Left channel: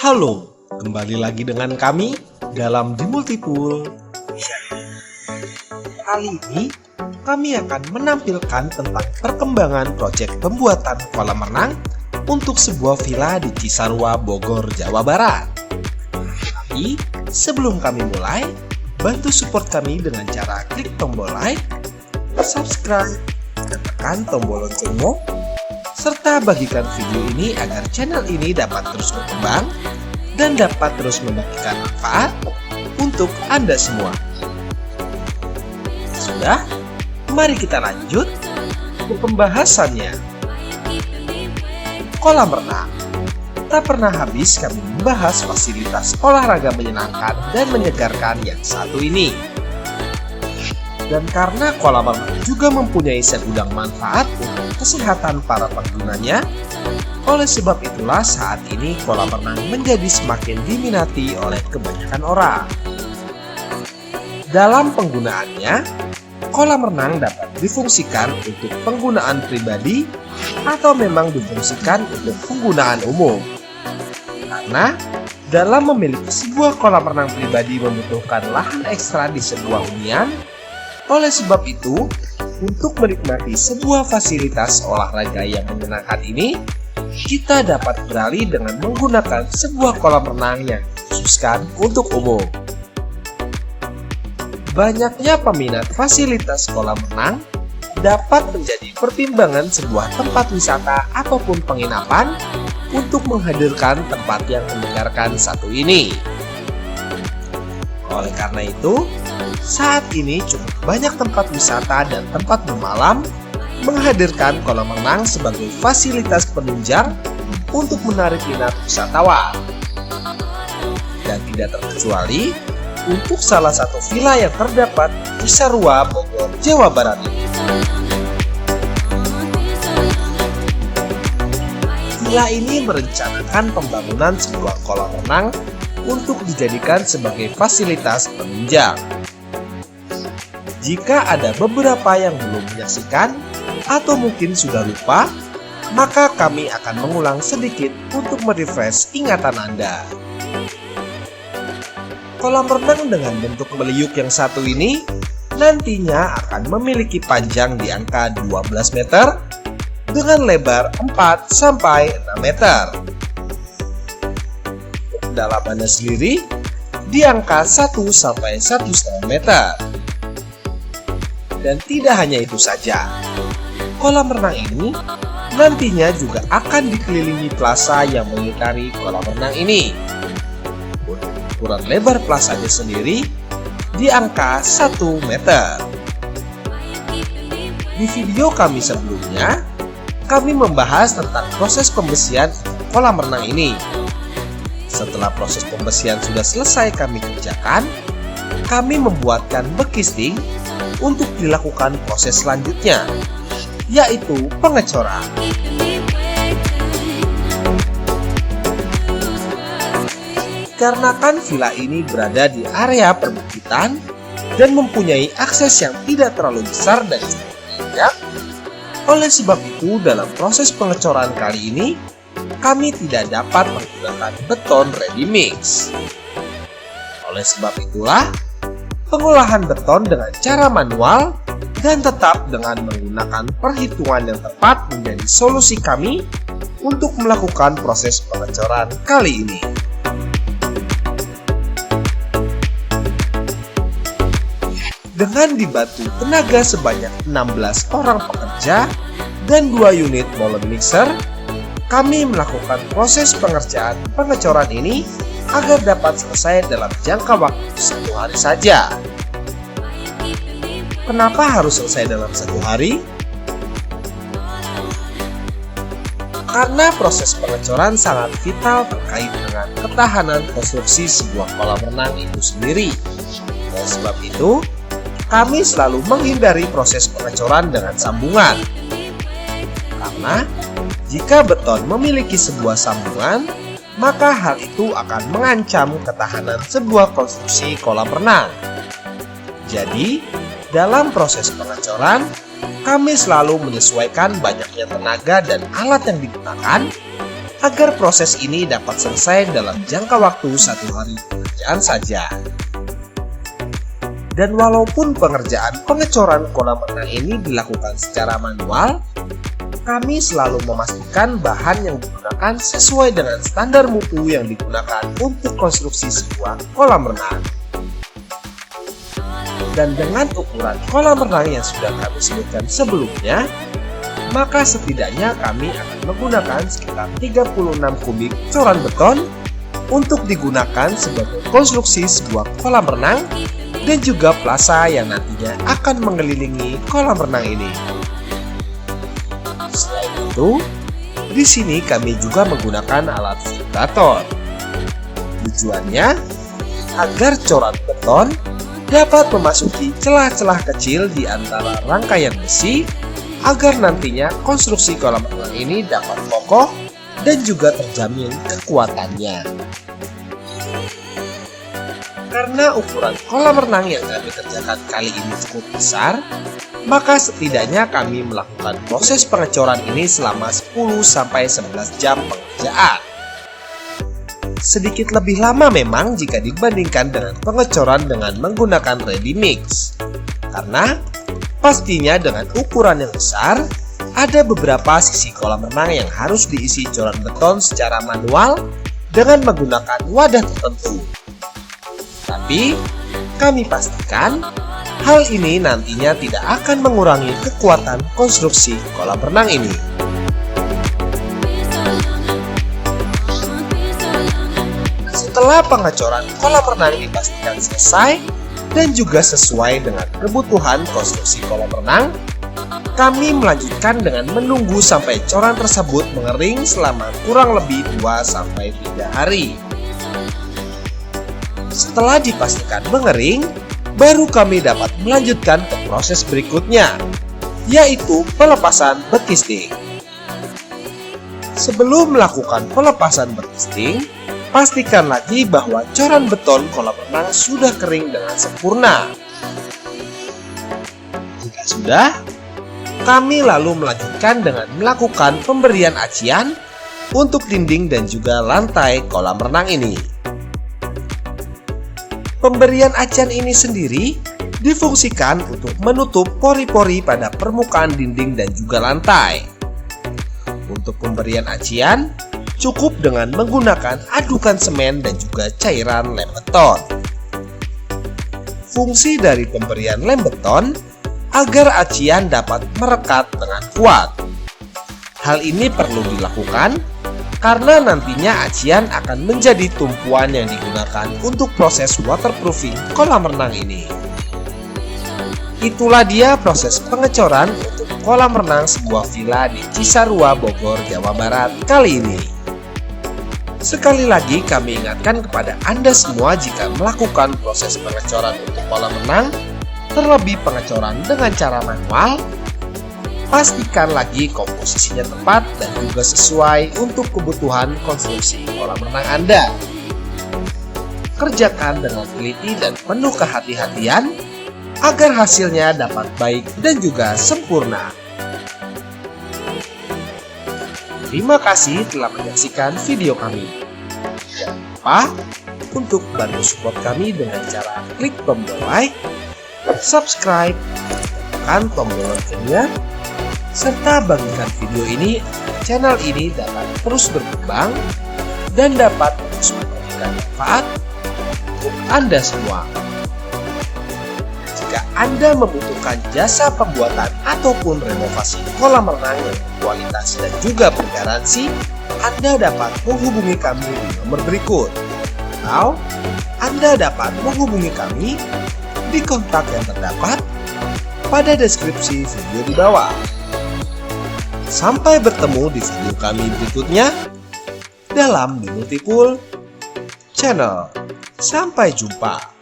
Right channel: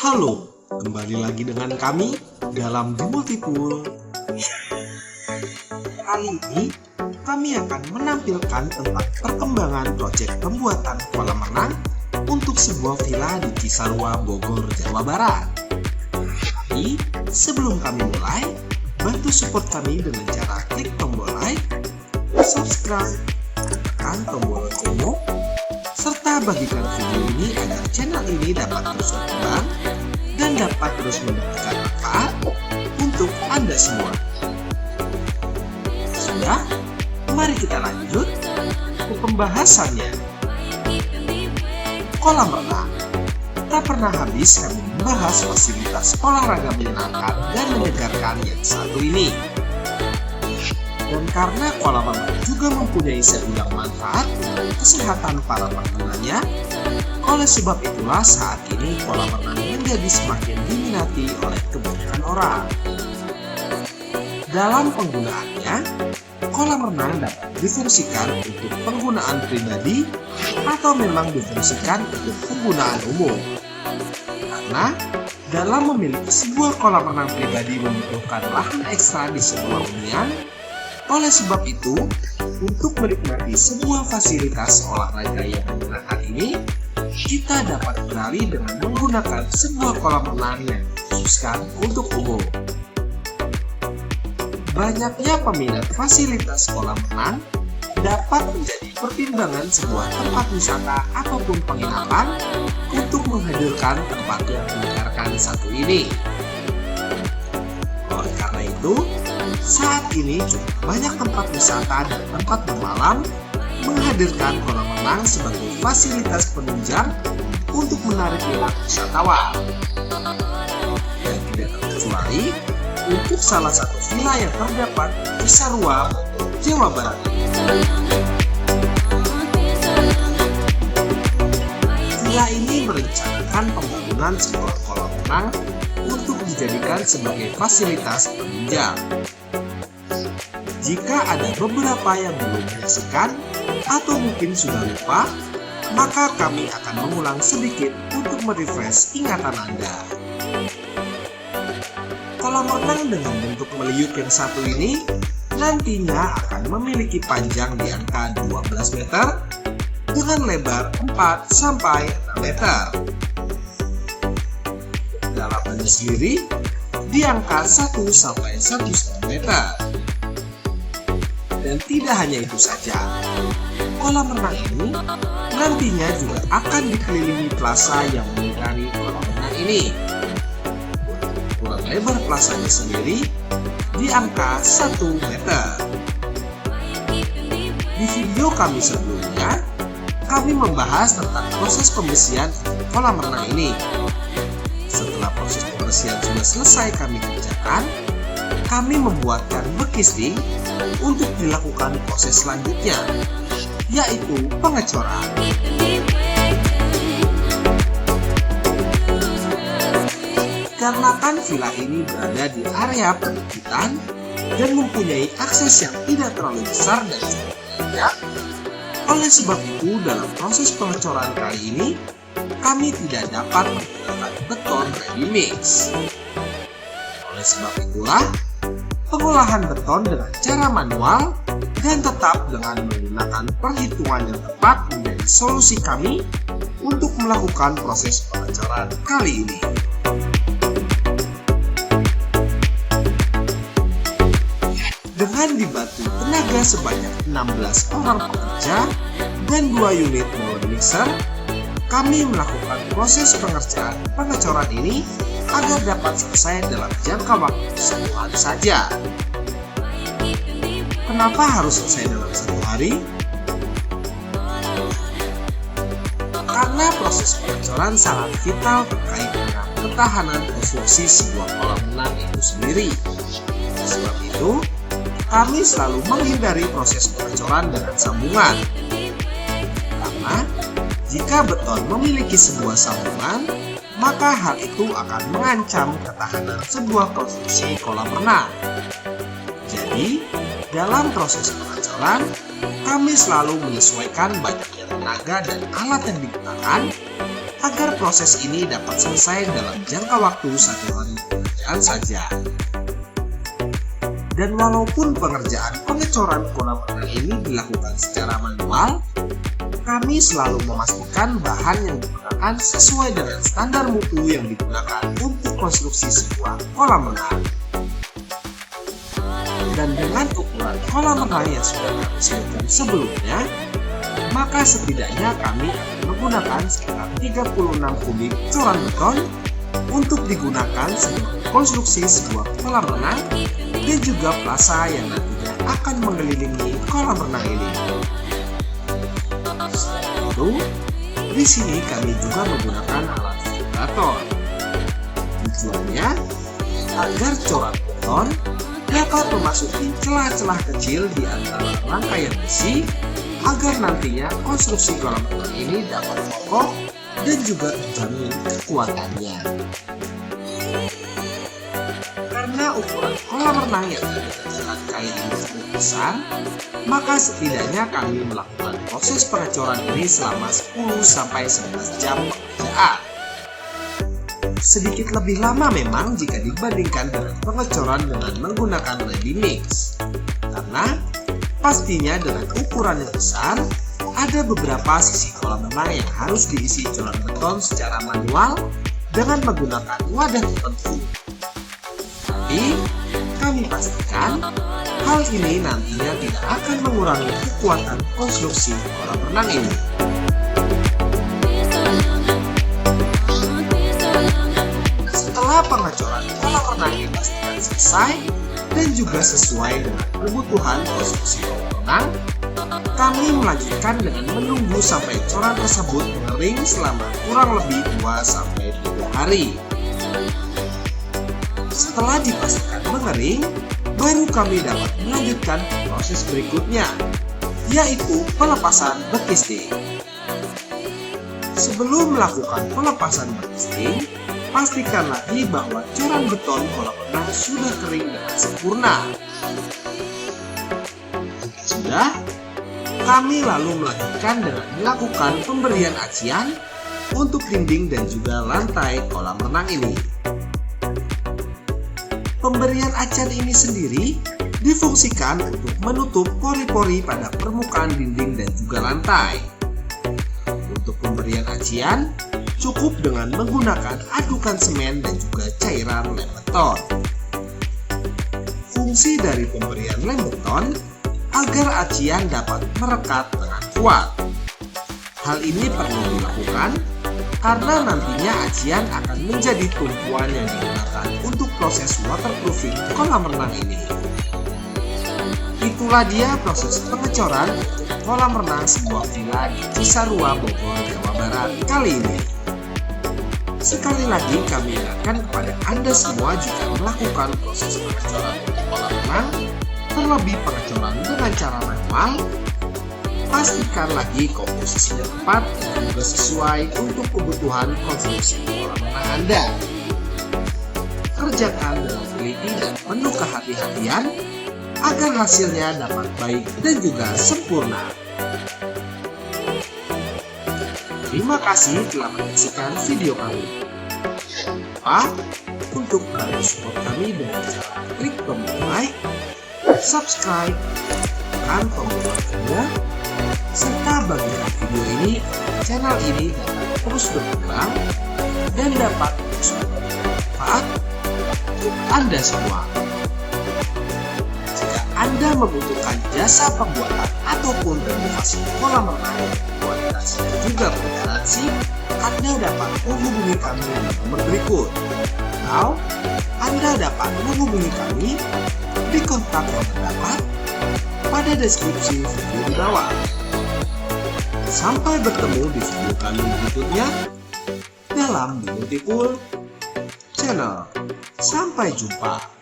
Halo, kembali lagi dengan kami dalam The Multipool. Kali ini kami akan menampilkan tentang perkembangan proyek pembuatan kolam renang untuk sebuah villa di Cisarua, Bogor, Jawa Barat. Tapi sebelum kami mulai, bantu support kami dengan cara klik tombol like, subscribe, tekan tombol loncengnya, serta bagikan video ini agar channel ini dapat terus berkembang dan dapat terus memberikan manfaat untuk Anda semua. Sudah? Mari kita lanjut ke pembahasannya. Kolam renang. Tak pernah habis kami membahas fasilitas olahraga menyenangkan dan menyegarkan yang satu ini. Dan karena kolam renang juga mempunyai segudang manfaat untuk kesehatan para penggunanya, oleh sebab itulah saat ini kolam renang menjadi semakin diminati oleh kebanyakan orang. Dalam penggunaannya, kolam renang dapat difungsikan untuk penggunaan pribadi atau memang difungsikan untuk penggunaan umum. Karena dalam memiliki sebuah kolam renang pribadi membutuhkan lahan ekstra di sebuah hunian. Oleh sebab itu, untuk menikmati sebuah fasilitas olahraga yang menyenangkan ini, kita dapat beralih dengan menggunakan sebuah kolam renang yang dikhususkan untuk umum. Banyaknya peminat fasilitas kolam renang dapat menjadi pertimbangan sebuah tempat wisata ataupun penginapan untuk menghadirkan tempat yang menyegarkan satu ini. Oleh karena itu, saat ini cukup banyak tempat wisata dan tempat bermalam menghadirkan kolam renang sebagai fasilitas penunjang untuk menarik minat wisatawan. Dan tidak terkecuali untuk salah satu villa yang terdapat di Cisarua, Bogor, Jawa Barat. Villa ini merencanakan pembangunan sebuah kolam renang untuk dijadikan sebagai fasilitas penunjang. Jika ada beberapa yang belum menyaksikan atau mungkin sudah lupa, maka kami akan mengulang sedikit untuk merefresh ingatan Anda. Kolam renang dengan bentuk meliuk yang satu ini nantinya akan memiliki panjang di angka 12 meter dengan lebar 4-6 meter. Kedalamannya sendiri di angka 1-1,5 meter. Dan tidak hanya itu saja, kolam renang ini nantinya juga akan dikelilingi plaza yang mengitari kolam renang ini. Ukuran lebar plazanya sendiri di angka 1 meter. Di video kami sebelumnya, kami membahas tentang proses pembersihan kolam renang ini. Setelah proses pembersihan sudah selesai kami kerjakan, kami membuatkan bekisting untuk dilakukan proses selanjutnya, yaitu pengecoran. Karena kan villa ini berada di area perbukitan dan mempunyai akses yang tidak terlalu besar dan cukup banyak, oleh sebab itu dalam proses pengecoran kali ini kami tidak dapat menggunakan beton ready mix. Oleh sebab itulah, pengolahan beton dengan cara manual dan tetap dengan menggunakan perhitungan yang tepat menjadi solusi kami untuk melakukan proses pengecoran kali ini. Dengan dibantu tenaga sebanyak 16 orang pekerja dan 2 unit molen mixer, kami melakukan proses pengecoran ini agar dapat selesai dalam jangka waktu 1 hari saja. Kenapa harus selesai dalam 1 hari? Karena proses pengecoran sangat vital terkait dengan ketahanan konstruksi sebuah kolam renang itu sendiri. Oleh sebab itu, kami selalu menghindari proses pengecoran dengan sambungan. Karena jika beton memiliki sebuah sambungan, maka hal itu akan mengancam ketahanan sebuah konstruksi kolam renang. Jadi, dalam proses pengecoran, kami selalu menyesuaikan banyaknya tenaga dan alat yang digunakan agar proses ini dapat selesai dalam jangka waktu 1 hari pekerjaan saja. Dan walaupun pengerjaan pengecoran kolam renang ini dilakukan secara manual, kami selalu memastikan bahan yang digunakan sesuai dengan standar mutu yang digunakan untuk konstruksi sebuah kolam renang. Dan dengan ukuran kolam renang yang sudah kami sebutkan sebelumnya, maka setidaknya kami akan menggunakan sekitar 36 kubik coran beton untuk digunakan sebagai konstruksi sebuah kolam renang dan juga plasa yang nantinya akan mengelilingi kolam renang ini. Selain itu, di sini kami juga menggunakan alat vibrator. Tujuannya agar coran beton dapat memasuki celah-celah kecil di antara rangkaian besi agar nantinya konstruksi kolam renang ini dapat kokoh dan juga terjamin kekuatannya. Karena ukuran kolam renang yang kami kerjakan kali ini cukup besar, maka setidaknya kami melakukan proses pengecoran ini selama 10-11 jam pekerjaan. Sedikit lebih lama memang jika dibandingkan dengan pengecoran dengan menggunakan ready mix. Karena pastinya dengan ukuran yang besar, ada beberapa sisi kolam renang yang harus diisi coran beton secara manual dengan menggunakan wadah tertentu. Tapi, kami pastikan hal ini nantinya tidak akan mengurangi kekuatan konstruksi kolam renang ini. Setelah pengecoran kolam renang dipastikan selesai dan juga sesuai dengan kebutuhan konstruksi kolam renang, kami melanjutkan dengan menunggu sampai coran tersebut mengering selama kurang lebih 2-3 hari. Setelah dipastikan mengering, baru kami dapat melanjutkan ke proses berikutnya, yaitu pelepasan bekisting. Sebelum melakukan pelepasan bekisting, pastikan lagi bahwa coran beton kolam renang sudah kering dengan sempurna. Jika sudah, kami lalu melanjutkan dengan melakukan pemberian acian untuk dinding dan juga lantai kolam renang ini. Pemberian acian ini sendiri difungsikan untuk menutup pori-pori pada permukaan dinding dan juga lantai. Untuk pemberian acian, cukup dengan menggunakan adukan semen dan juga cairan lem beton. Fungsi dari pemberian lem beton agar acian dapat merekat dengan kuat. Hal ini perlu dilakukan karena nantinya acian akan menjadi tumpuan yang digunakan untuk proses waterproofing kolam renang ini. Itulah dia proses pengecoran untuk kolam renang sebuah villa di Cisarua, Bogor, Jawa Barat kali ini. Sekali lagi kami ingatkan kepada Anda semua jika melakukan proses pengecoran untuk kolam renang, terlebih pengecoran dengan cara manual, pastikan lagi komposisinya tepat dan juga sesuai untuk kebutuhan konstruksi kolam renang Anda. Kerjakan dengan teliti dan penuh kehati-hatian agar hasilnya dapat baik dan juga sempurna. Terima kasih telah menyaksikan video kami. Jangan lupa untuk bantu support kami dengan cara klik tombol like, subscribe, tekan tombol loncengnya, serta bagikan video ini agar channel ini dapat terus berkembang dan dapat terus memberikan manfaat untuk Anda semua. Jika Anda membutuhkan jasa pembuatan ataupun renovasi kolam renang kualitas dan juga bergaransi, Anda dapat menghubungi kami di nomor berikut, atau Anda dapat menghubungi kami di kontak yang terdapat pada deskripsi video di bawah. Sampai bertemu di video kami berikutnya dalam The Multipool Channel. Sampai jumpa.